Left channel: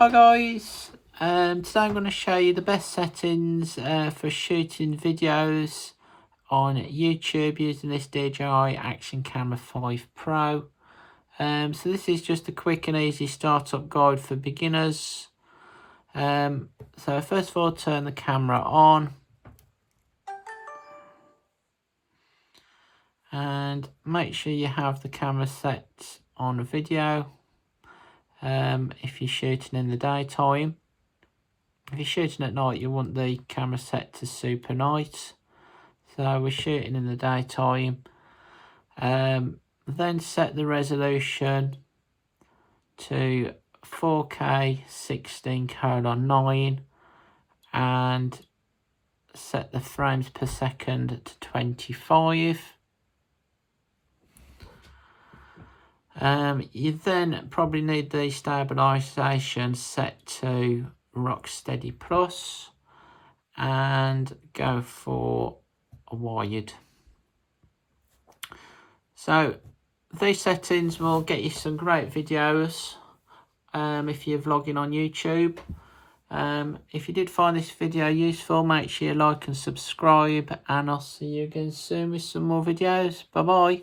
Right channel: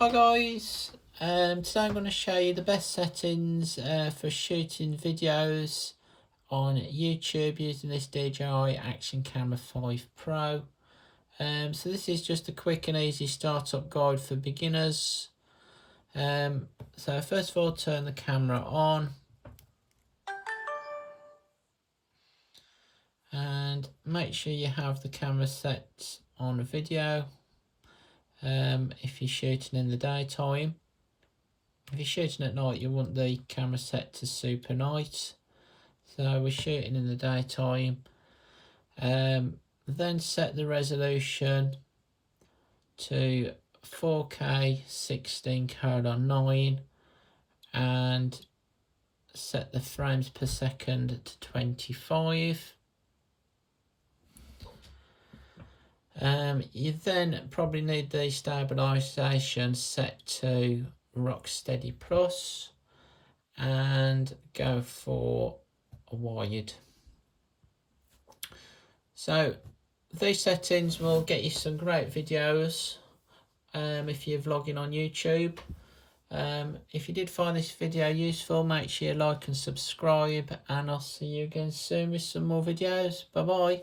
Hi guys, today I'm going to show you the best settings for shooting videos on YouTube using this DJI Action Camera 5 Pro. So this is just a quick and easy startup guide for beginners. So first of all, turn the camera on and make sure you have the camera set on video. If you're shooting in the daytime. If you're shooting at night, you want the camera set to super night. So we're shooting in the daytime. Then set the resolution to 4K 16:9 and set the frames per second to 25. You then probably need the stabilisation set to rocksteady plus and go for a wired. So these settings will get you some great videos if you're vlogging on YouTube. If you did find this video useful, make sure you like and subscribe, and I'll see you again soon with some more videos. Bye bye.